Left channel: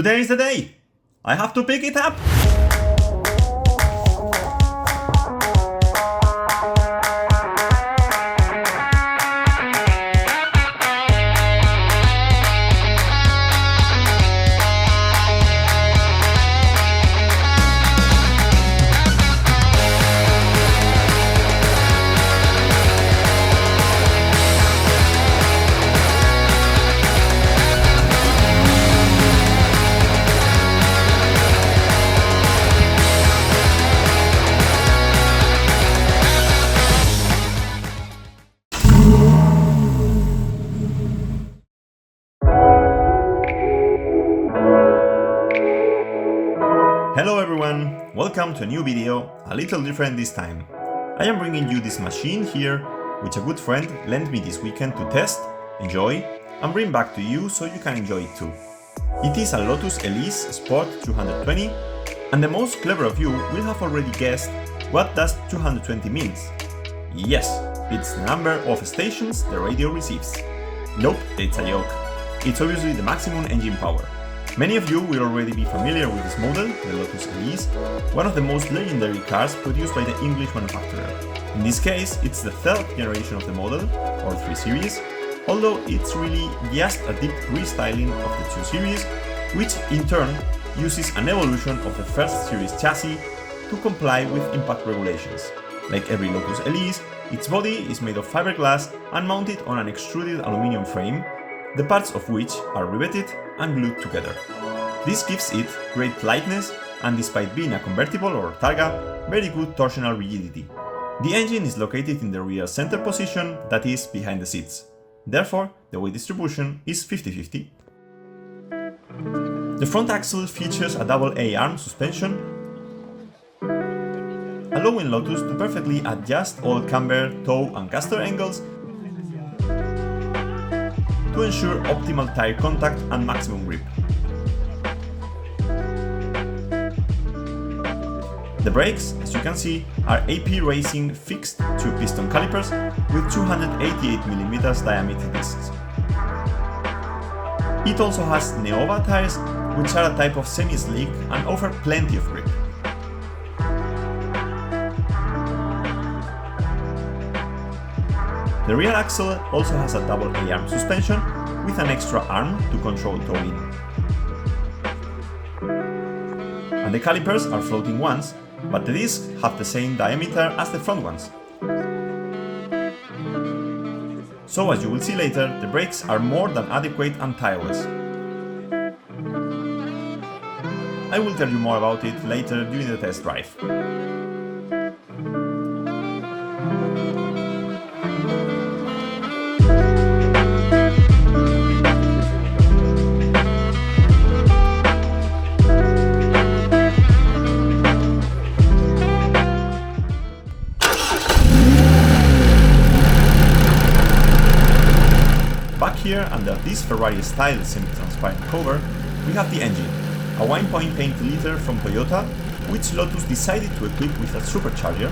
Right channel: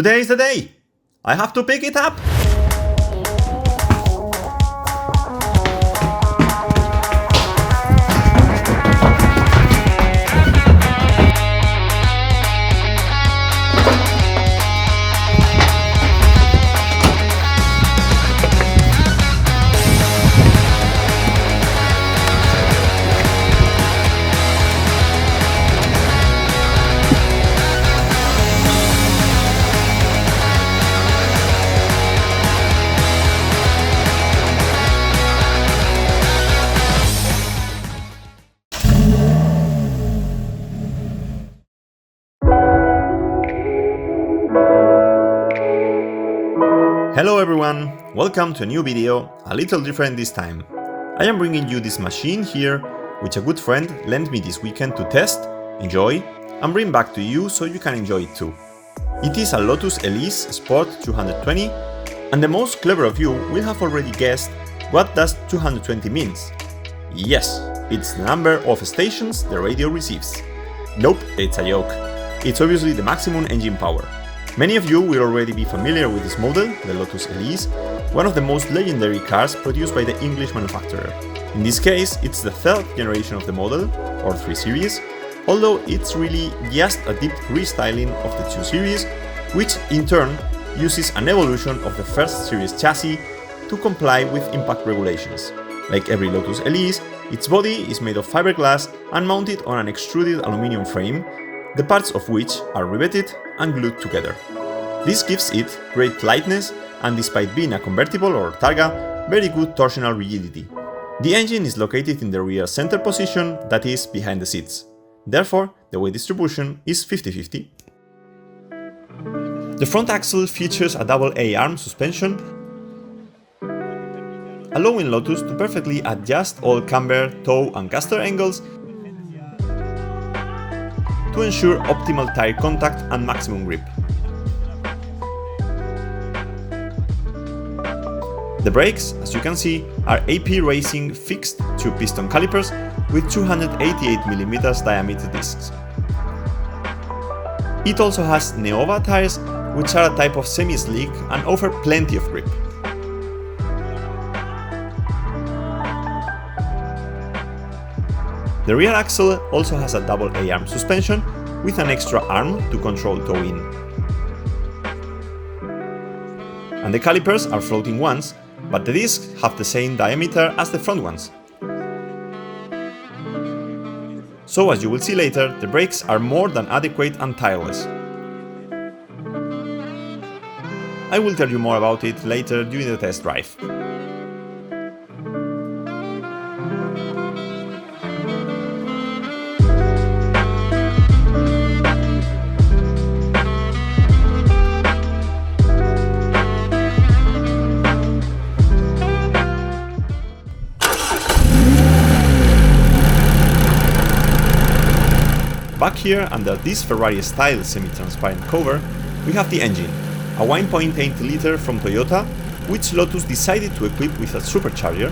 Today is the day! I have to pick it up! Hello everyone, welcome to a new video, a little different this time. I am bringing you this machine here, which a good friend lent me this weekend to test, enjoy, and bring back to you so you can enjoy it too. It is a Lotus Elise Sport 220, and the most clever of you will have already guessed what does 220 means. Yes, it's the number of stations the radio receives. Nope, it's a joke. It's obviously the maximum engine power. Many of you will already be familiar with this model, the Lotus Elise, one of the most legendary cars produced by the English manufacturer. In this case, it's the third generation of the model, or 3 Series, although it's really just a deep restyling of the 2 Series, which in turn uses an evolution of the first Series chassis to comply with impact regulations. Like every Lotus Elise, its body is made of fiberglass and mounted on an extruded aluminum frame, the parts of which are riveted and glued together. This gives it great lightness and, despite being a convertible or targa, very good torsional rigidity. The engine is located in the rear center position, that is, behind the seats. Therefore, the weight distribution is 50-50. The front axle features a double A-arm suspension, allowing Lotus to perfectly adjust all camber, toe and caster angles to ensure optimal tire contact and maximum grip. The brakes, as you can see, are AP Racing fixed 2-piston calipers with 288mm diameter discs. It also has Neova tires, which are a type of semi-slick and offer plenty of grip. The rear axle also has a double A-arm suspension with an extra arm to control towing. And the calipers are floating ones, but the discs have the same diameter as the front ones. So, as you will see later, the brakes are more than adequate and tireless. I will tell you more about it later during the test drive. Back here, under this Ferrari-style semi-transparent cover, we have the engine, a 1.8 liter from Toyota, which Lotus decided to equip with a supercharger,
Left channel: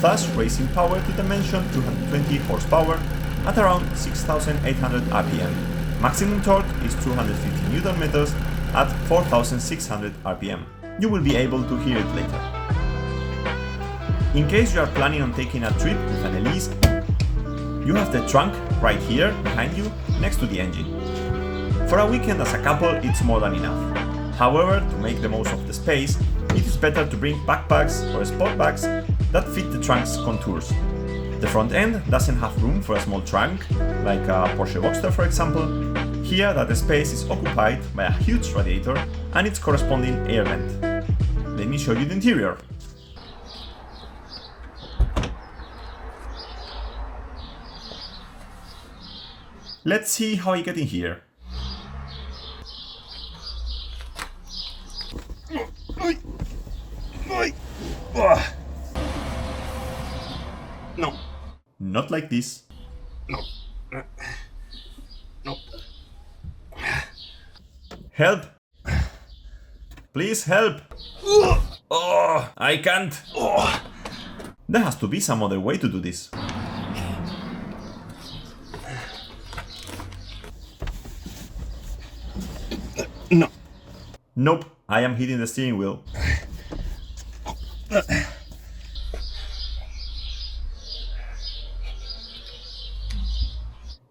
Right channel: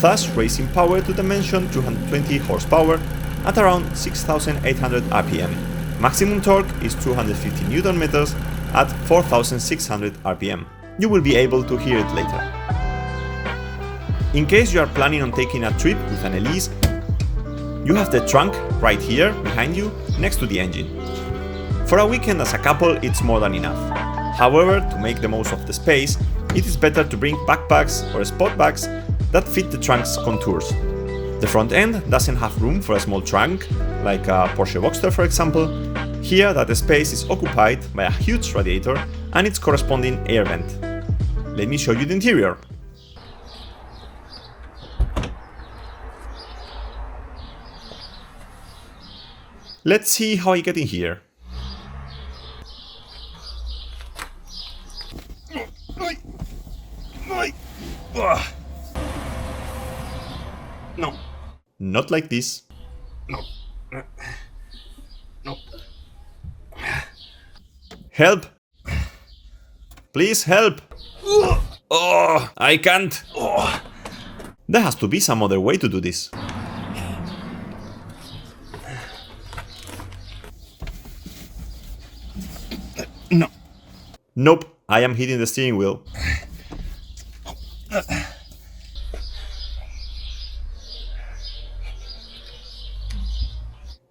thus raising power to the mentioned 220 horsepower at around 6,800 RPM. Maximum torque is 250 Nm at 4,600 RPM. You will be able to hear it later. In case you are planning on taking a trip with an Elise, you have the trunk right here behind you, next to the engine. For a weekend as a couple, it's more than enough. However, to make the most of the space, it is better to bring backpacks or sport bags that fit the trunk's contours. The front end doesn't have room for a small trunk, like a Porsche Boxster for example. Here, that space is occupied by a huge radiator and its corresponding air vent. Let me show you the interior. Let's see how I get in here. No. Not like this. No. No. Help! Please help! Oh, I can't! There has to be some other way to do this. No. Nope, I am hitting the steering wheel.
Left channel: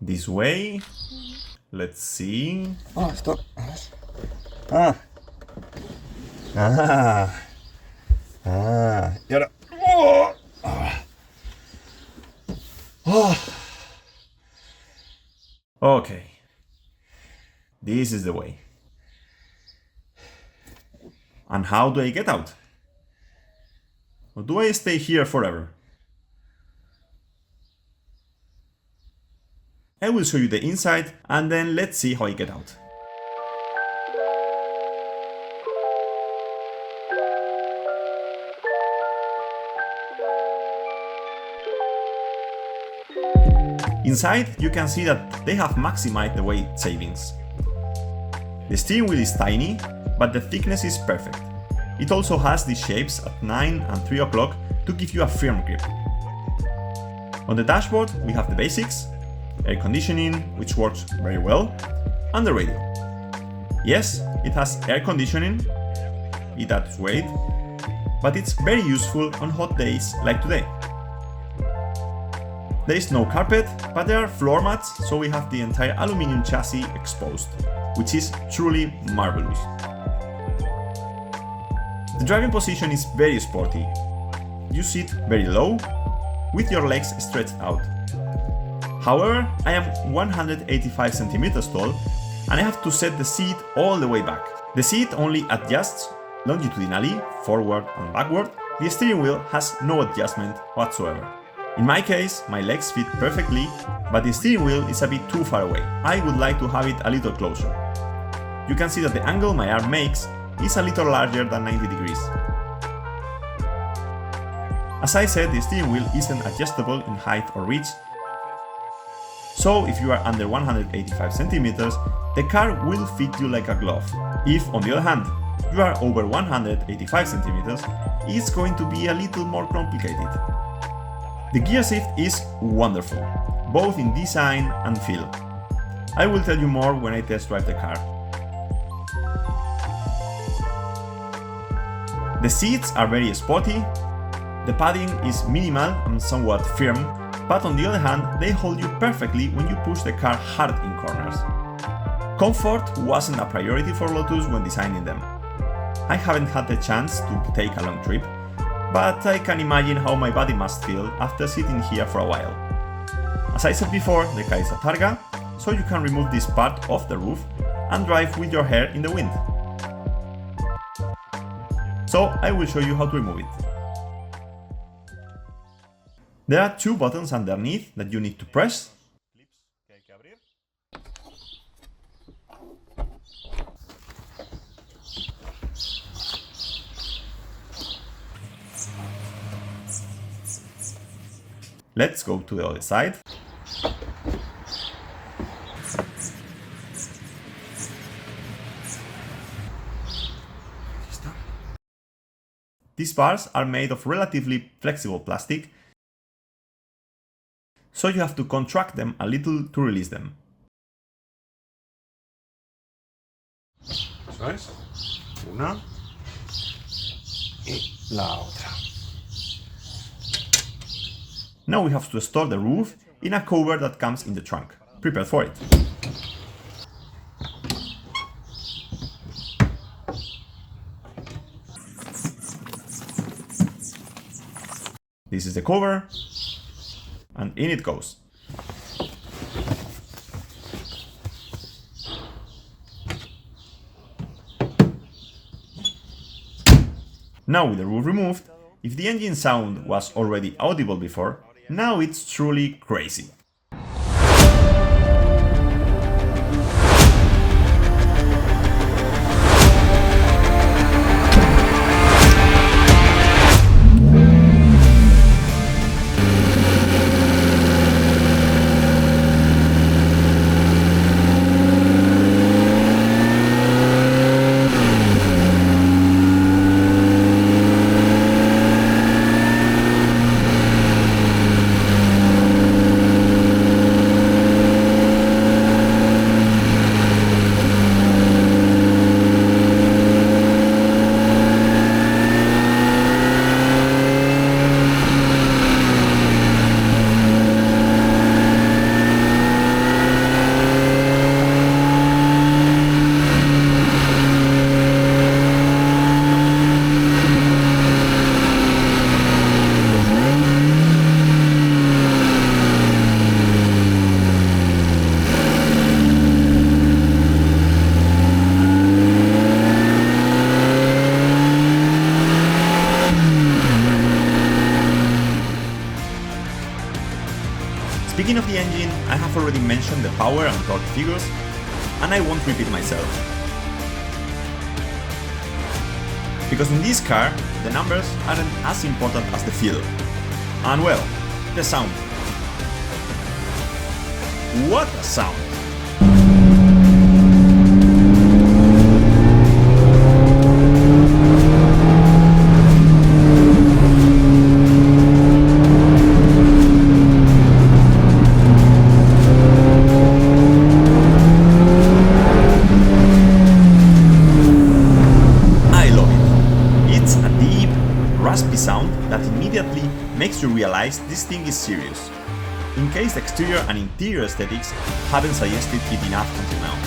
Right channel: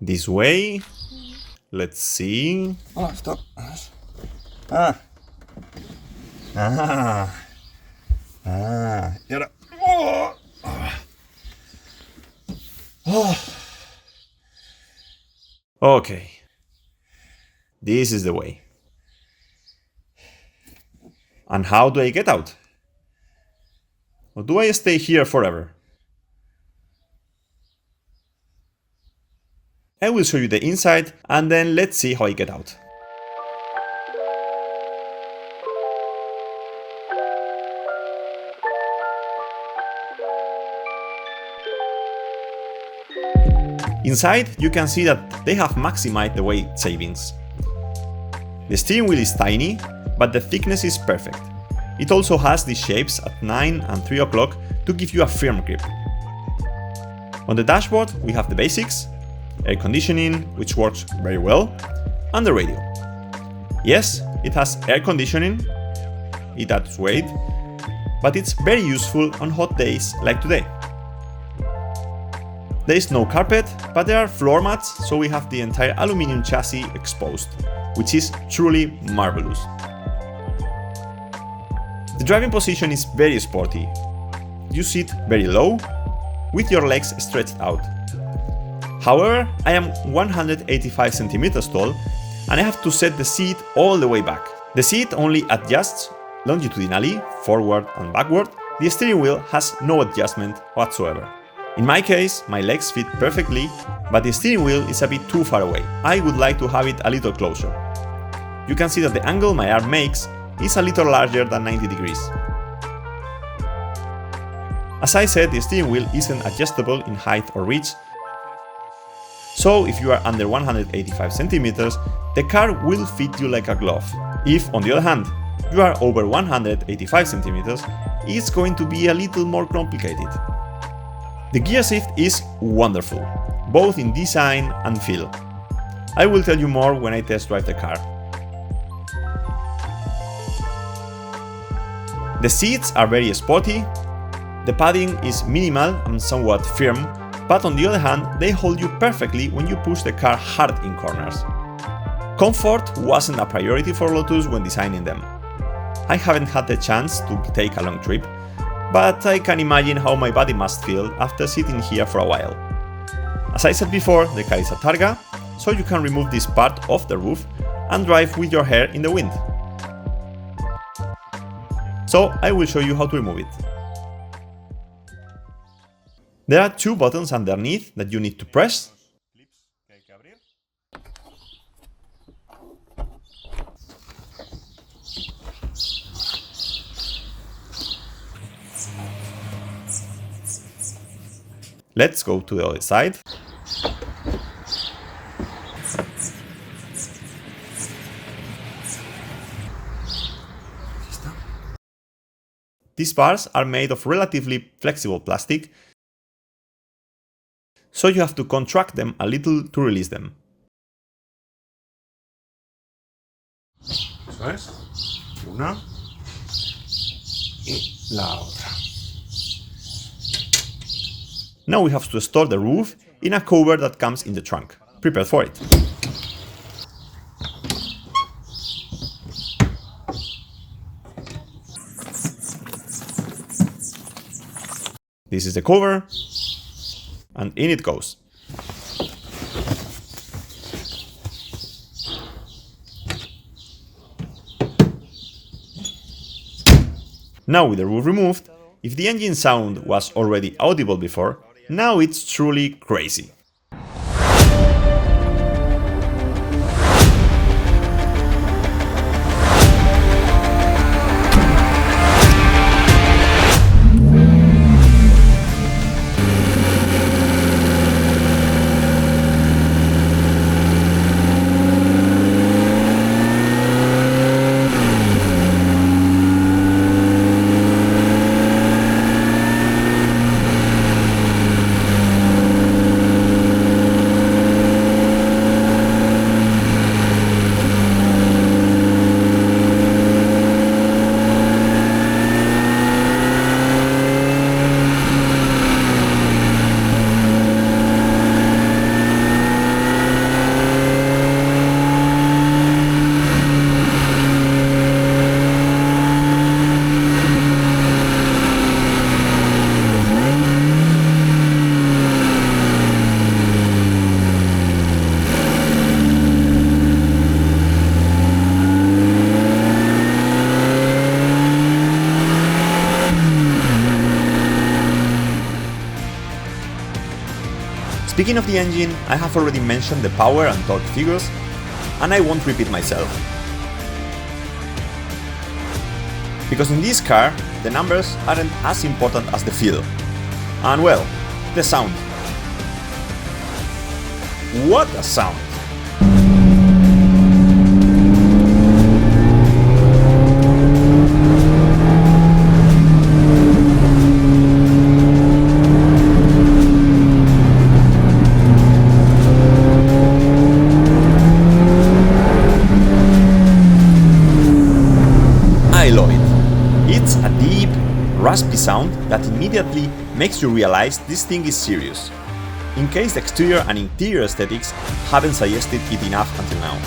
This way. Let's see. Oh, stop. Ah. Ah. Ah. Y ahora. Oh. Oh. Okay. This is the way. And how do I get out? Or do I stay here forever? I will show you the inside and then let's see how I get out. Inside, you can see that they have maximized the weight savings. The steering wheel is tiny, but the thickness is perfect. It also has these shapes at 9 and 3 o'clock to give you a firm grip. On the dashboard, we have the basics, air conditioning, which works very well, and the radio. Yes, it has air conditioning, it adds weight, but it's very useful on hot days like today. There is no carpet, but there are floor mats, so we have the entire aluminum chassis exposed, which is truly marvelous. The driving position is very sporty. You sit very low, with your legs stretched out. However, I am 185 centimeters tall, and I have to set the seat all the way back. The seat only adjusts longitudinally, forward and backward. The steering wheel has no adjustment whatsoever. In my case, my legs fit perfectly, but the steering wheel is a bit too far away. I would like to have it a little closer. You can see that the angle my arm makes is a little larger than 90 degrees. As I said, the steering wheel isn't adjustable in height or reach, so if you are under 185 centimeters, the car will fit you like a glove. If, on the other hand, you are over 185 centimeters, it's going to be a little more complicated. The gear shift is wonderful, both in design and feel. I will tell you more when I test drive the car. The seats are very sporty, the padding is minimal and somewhat firm, but on the other hand, they hold you perfectly when you push the car hard in corners. Comfort wasn't a priority for Lotus when designing them. I haven't had the chance to take a long trip, but I can imagine how my body must feel after sitting here for a while. As I said before, the car is a Targa, so you can remove this part of the roof and drive with your hair in the wind. So I will show you how to remove it. There are two buttons underneath that you need to press. Let's go to the other side. These bars are made of relatively flexible plastic, so you have to contract them a little to release them. Eso es. Una y la otra. Now we have to store the roof in a cover that comes in the trunk. Prepare for it. This is the cover, and in it goes. Now with the roof removed, if the engine sound was already audible before, now it's truly crazy. Speaking of the engine, I have already mentioned the power and torque figures, and I won't repeat myself. Because in this car, the numbers aren't as important as the feel. And well, the sound. What a sound! Raspy sound that immediately makes you realize this thing is serious, in case the exterior and interior aesthetics haven't suggested it enough until now.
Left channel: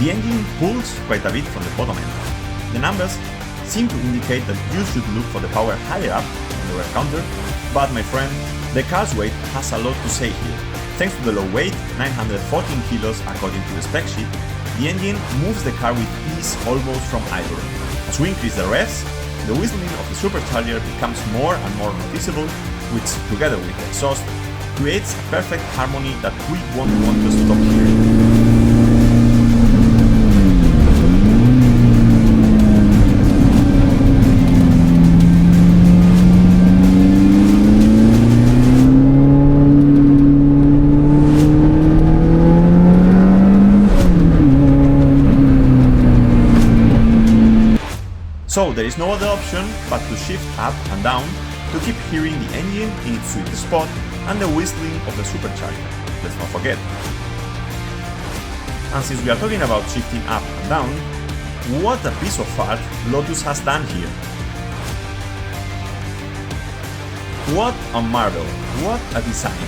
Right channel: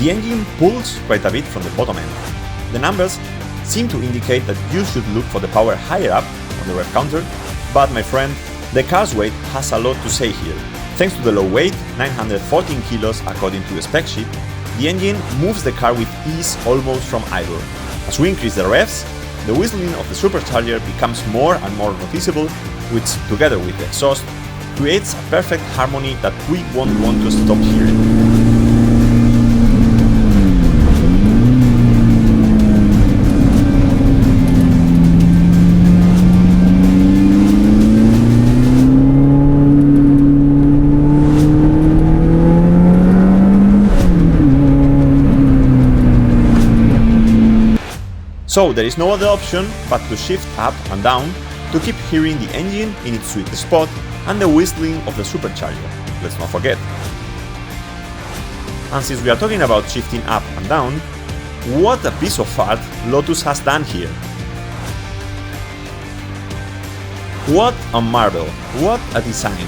The engine pulls quite a bit from the bottom end. The numbers seem to indicate that you should look for the power higher up on the rear counter, but my friend, the car's weight has a lot to say here. Thanks to the low weight, 914 kilos according to the spec sheet, the engine moves the car with ease almost from idle. As we increase the revs, the whistling of the supercharger becomes more and more noticeable, which, together with the exhaust, creates a perfect harmony that we won't want to stop hearing. So there is no other option but to shift up and down to keep hearing the engine in its sweet spot and the whistling of the supercharger, let's not forget. And since we are talking about shifting up and down, what a piece of art Lotus has done here. What a marvel, what a design.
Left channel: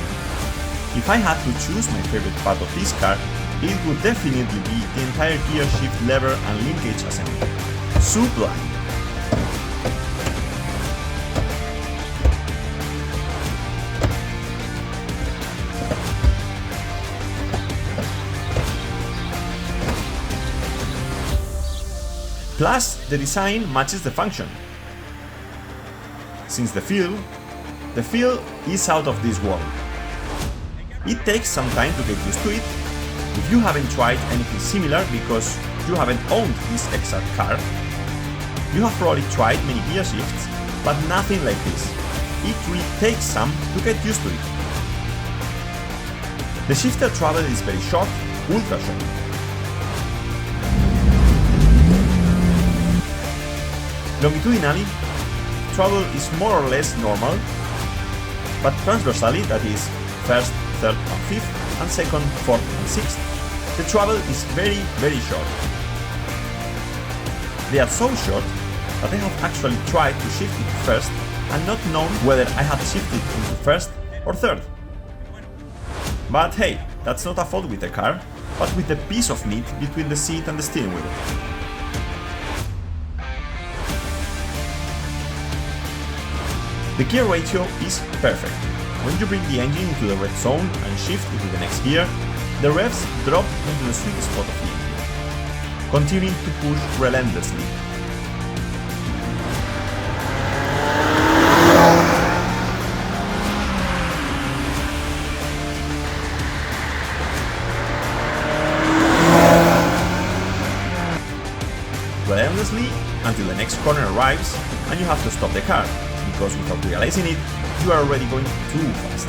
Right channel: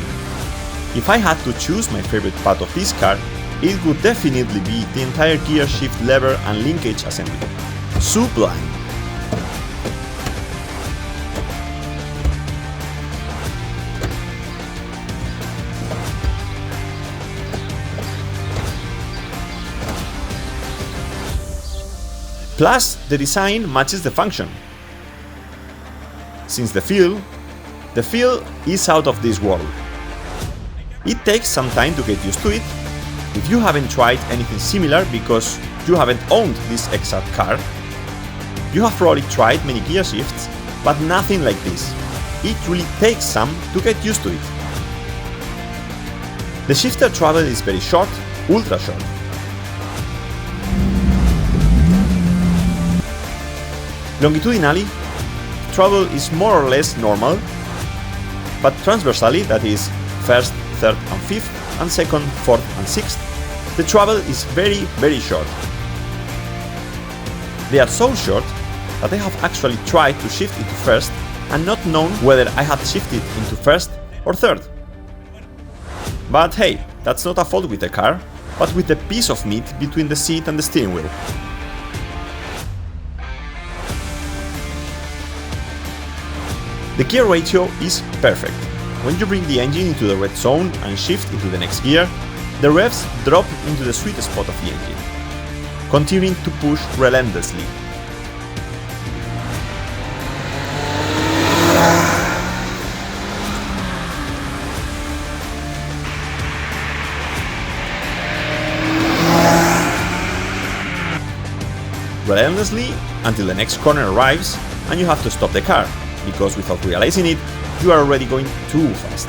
If I had to choose my favorite part of this car, it would definitely be the entire gear shift lever and linkage assembly. Sublime. Plus, the design matches the function. Since the feel is out of this world. It takes some time to get used to it. If you haven't tried anything similar because you haven't owned this exact car, you have probably tried many gear shifts, but nothing like this. It really takes some to get used to it. The shifter travel is very short, ultra short. Longitudinally, travel is more or less normal, but transversally, that is, first, third and fifth, and second, fourth and sixth, the travel is very, very short. They are so short that I have actually tried to shift into first and not known whether I had shifted into first or third. But hey, that's not a fault with the car, but with the piece of meat between the seat and the steering wheel. The gear ratio is perfect. When you bring the engine into the red zone and shift into the next gear, the revs drop into the sweet spot of the engine, continuing to push relentlessly. Relentlessly until the next corner arrives and you have to stop the car, because without realizing it, you are already going too fast.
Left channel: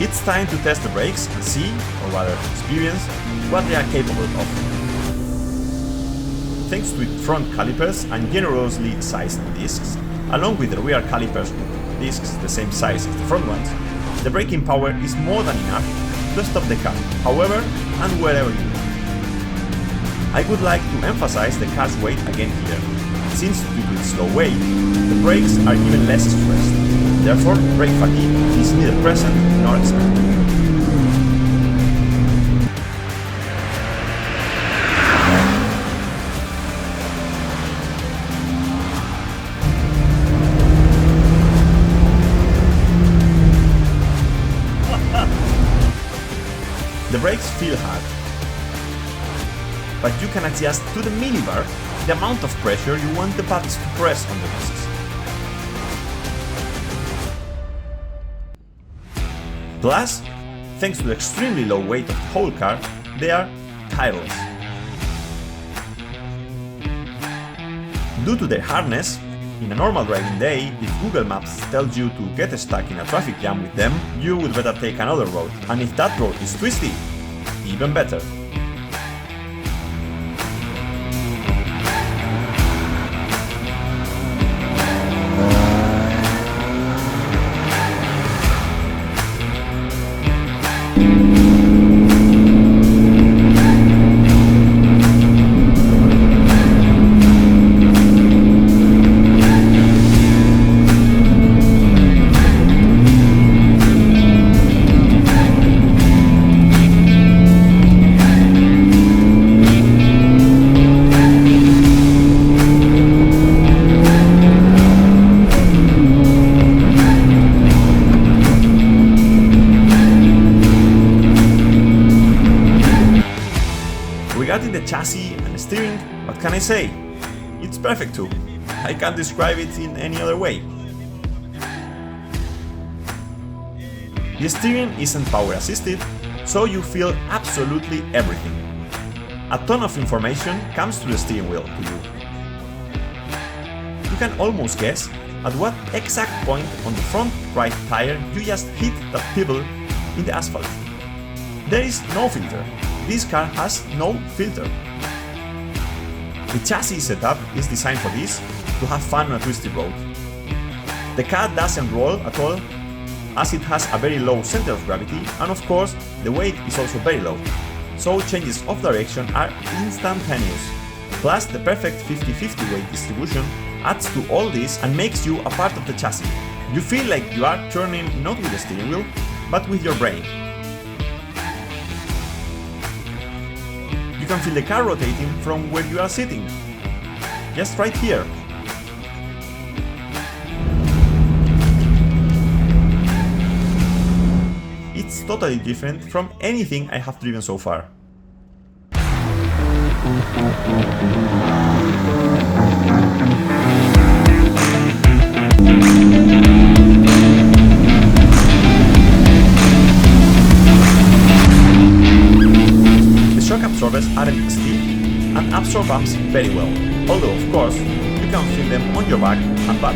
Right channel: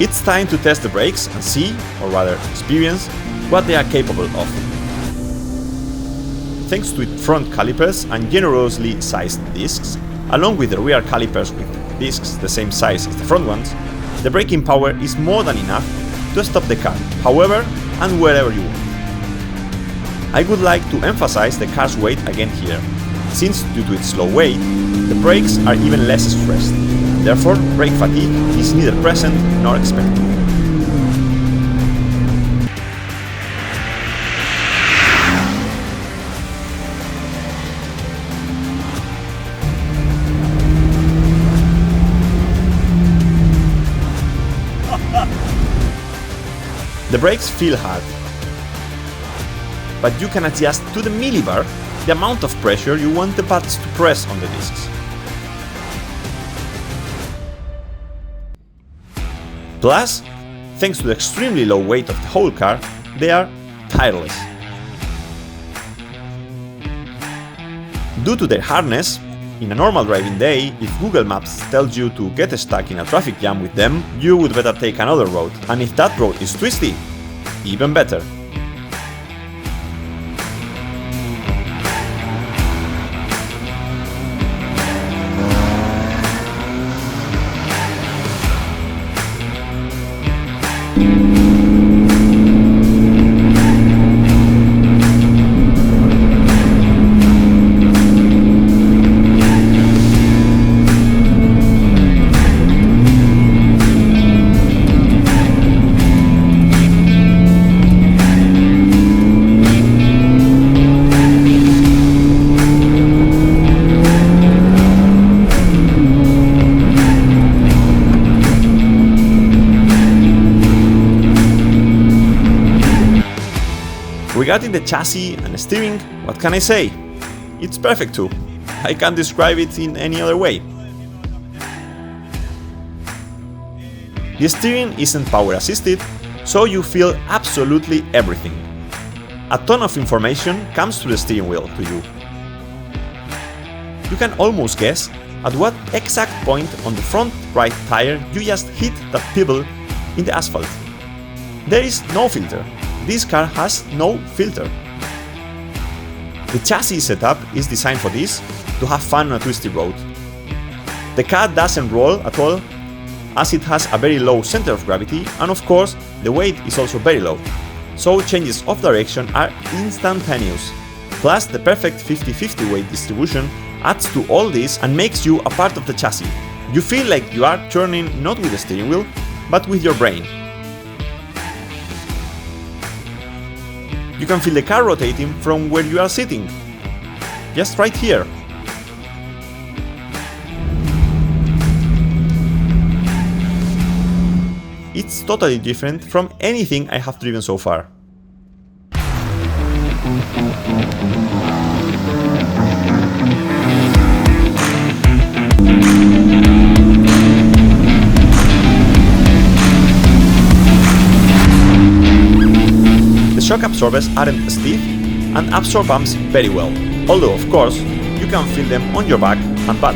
It's time to test the brakes and see, or rather experience, what they are capable of. Thanks to its front calipers and generously sized discs, along with the rear calipers with discs the same size as the front ones, the braking power is more than enough to stop the car, however and wherever you want. I would like to emphasize the car's weight again here, since due to its low weight, the brakes are even less stressed. Therefore, brake fatigue is neither present nor expected. The brakes feel hard, but you can adjust to the millibar the amount of pressure you want the pads to press on the discs. Plus, thanks to the extremely low weight of the whole car, they are tireless. Due to their hardness, in a normal driving day, if Google Maps tells you to get stuck in a traffic jam with them, you would better take another road, and if that road is twisty, even better. Regarding the chassis and steering, what can I say? It's perfect too. I can't describe it in any other way. The steering isn't power assisted, so you feel absolutely everything. A ton of information comes to the steering wheel to you. You can almost guess at what exact point on the front right tire you just hit that pebble in the asphalt. There is no filter. This car has no filter. The chassis setup is designed for this, to have fun on a twisty road. The car doesn't roll at all, as it has a very low center of gravity, and of course the weight is also very low, so changes of direction are instantaneous. Plus the perfect 50-50 weight distribution adds to all this and makes you a part of the chassis. You feel like you are turning not with the steering wheel, but with your brain. You can feel the car rotating from where you are sitting, just right here. It's totally different from anything I have driven so far. Shock absorbers aren't stiff and absorb bumps very well, although of course you can feel them on your back and butt.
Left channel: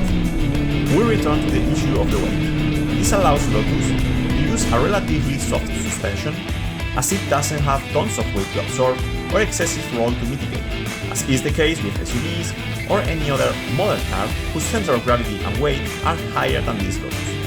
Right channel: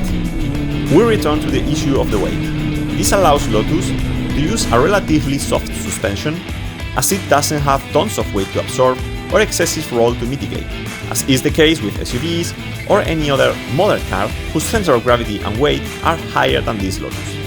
We return to the issue of the weight. This allows Lotus to use a relatively soft suspension, as it doesn't have tons of weight to absorb or excessive roll to mitigate, as is the case with SUVs or any other modern car whose center of gravity and weight are higher than this Lotus.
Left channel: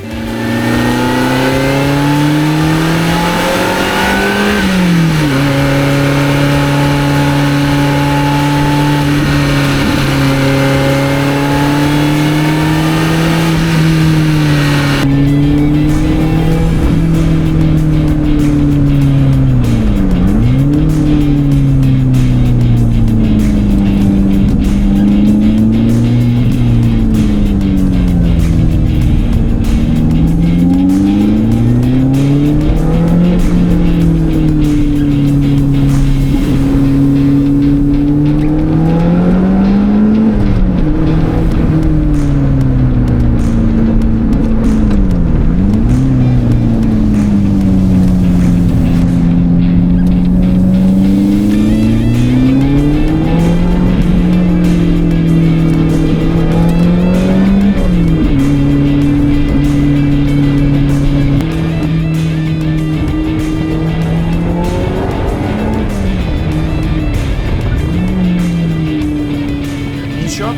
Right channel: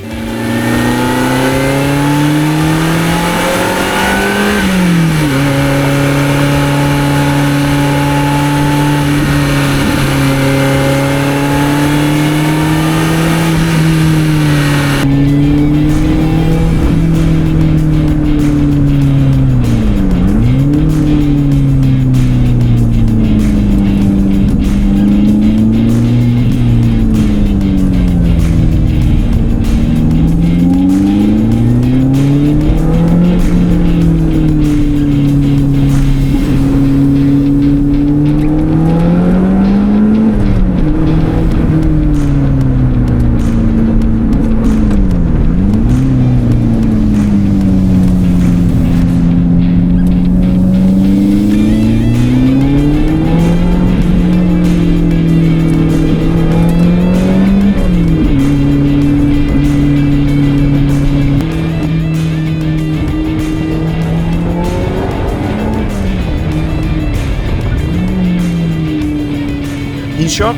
In short,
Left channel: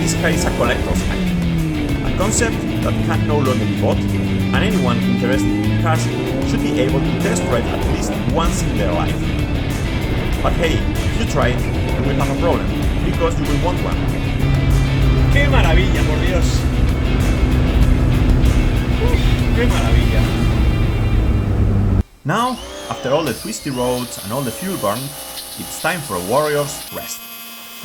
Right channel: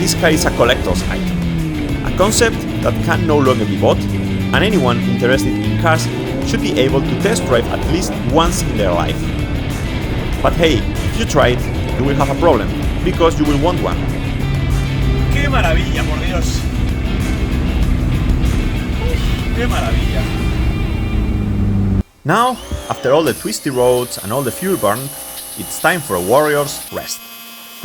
this car is a collector's item, a concept that can no longer be bought, and anyone interested in cars should be able to test drive at least once in their life. But hey, if you try it, you will have a problem, because you will want one. ¡Qué maravilla, por Dios! ¡Uf, qué maravilla! Now, after all the twisty roads and all the fuel burn, it's time for a warrior's rest.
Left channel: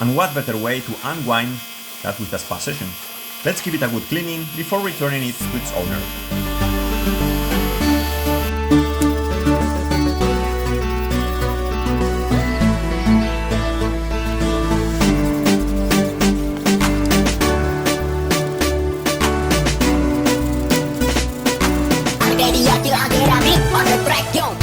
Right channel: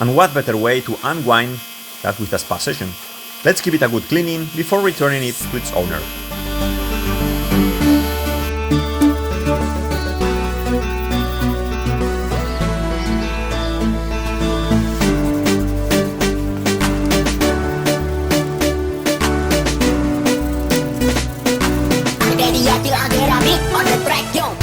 And what better way to unwind than with a spa session? Let's give it a good cleaning before returning it to its owner. media till I get a beat on the track, yo.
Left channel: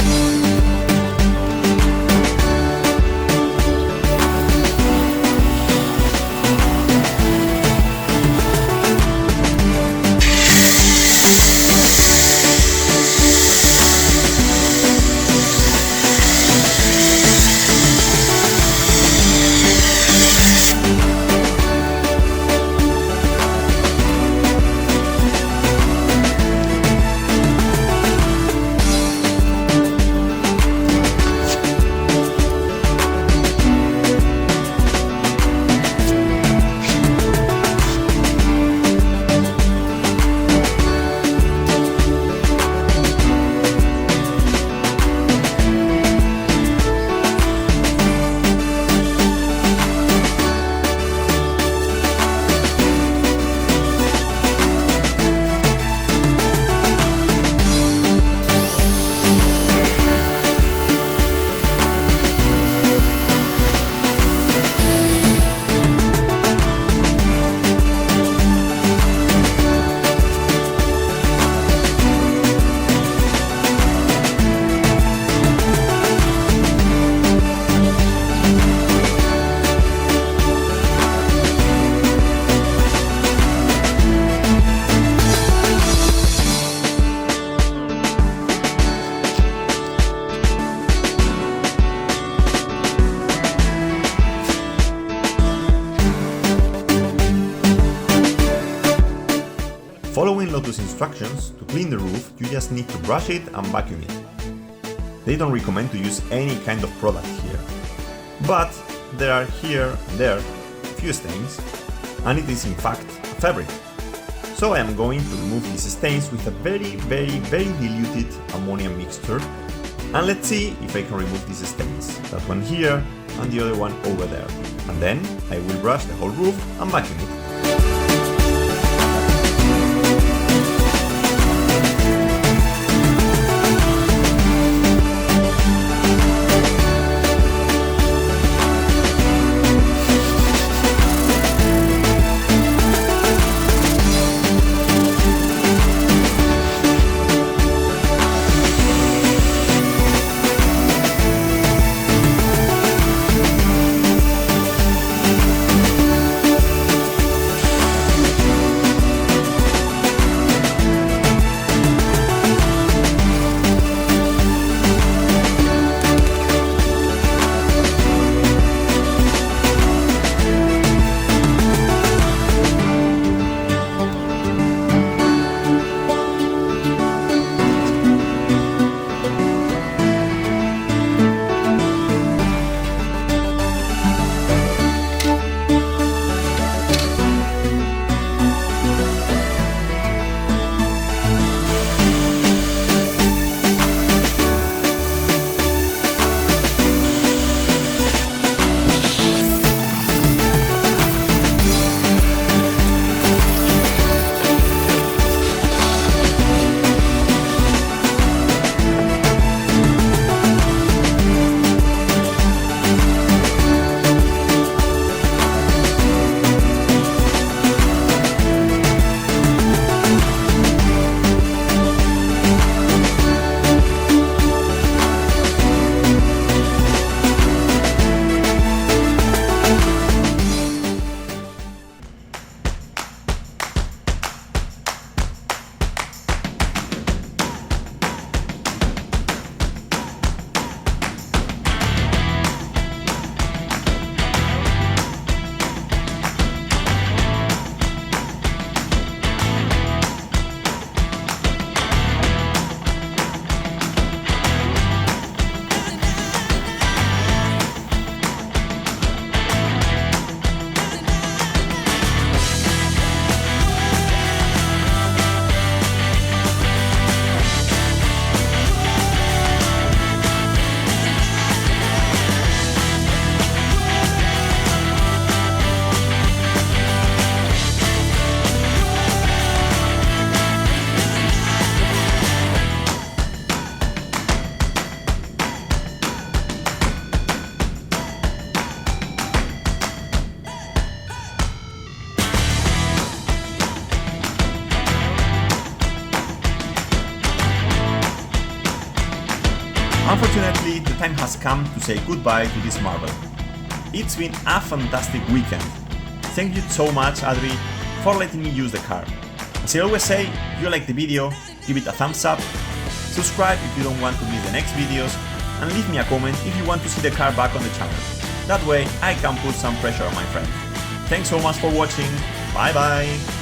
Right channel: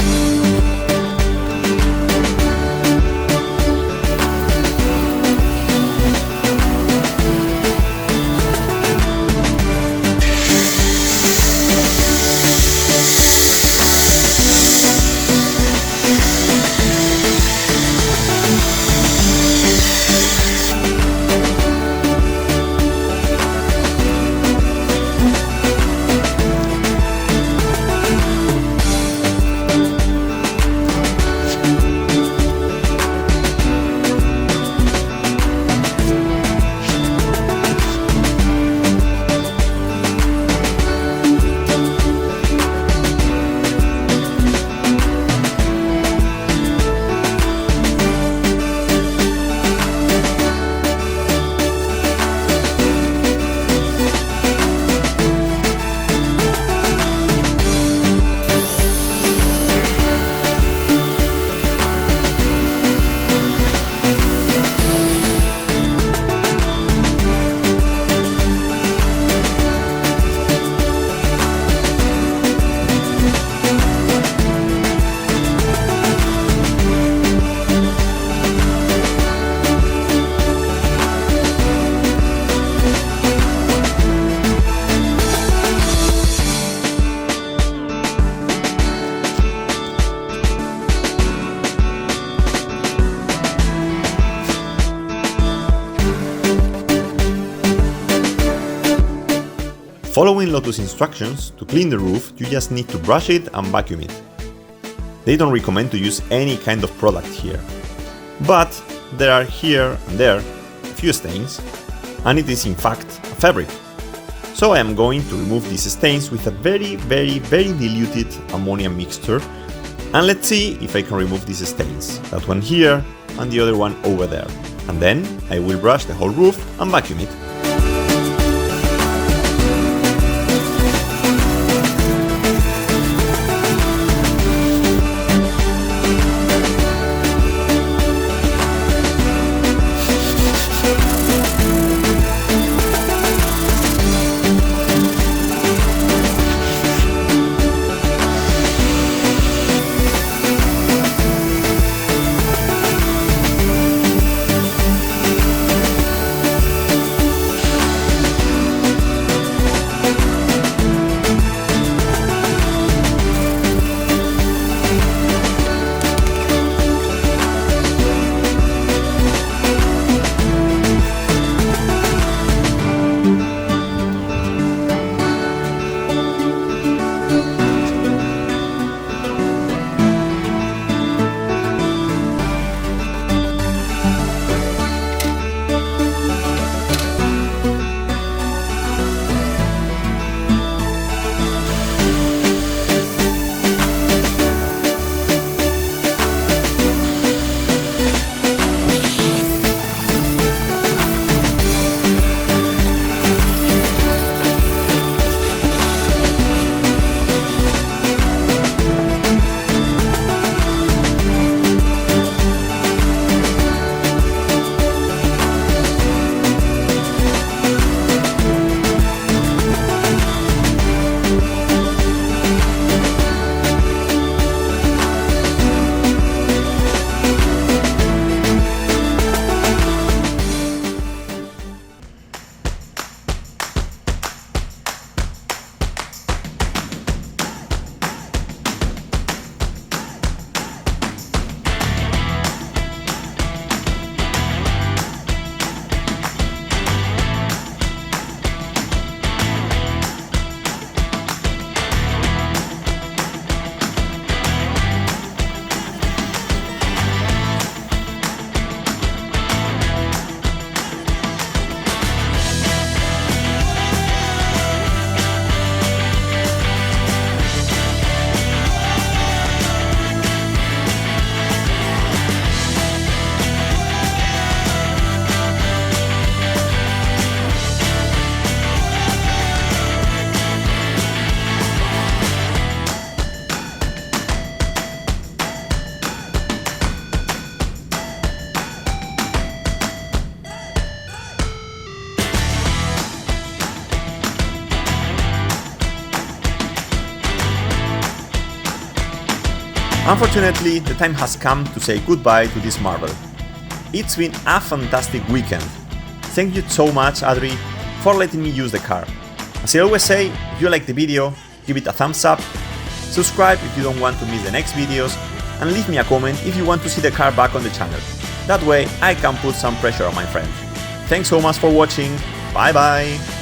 Following Lotus instructions, to clean the roof, you just need to brush it and vacuum it. They don't recommend to use any kind of product here. But there are here and there a few stains, and it is in fact a fabric. So I am going to remove these stains with a very diluted ammonia mixture, and let's see if I can remove these stains, that one here and the other one over there. And then I will brush the whole roof and vacuum it. Unfortunately, the time has come to say goodbye to this marvel. It's been a fantastic weekend. Thank you so much, Adri, for letting me use the car. As I always say, if you like the video, give it a thumbs up, subscribe if you don't want to miss the next videos, and leave me a comment if you want to see the car back on the channel. That way I can put some pressure on my friend. Thanks so much for watching, bye bye!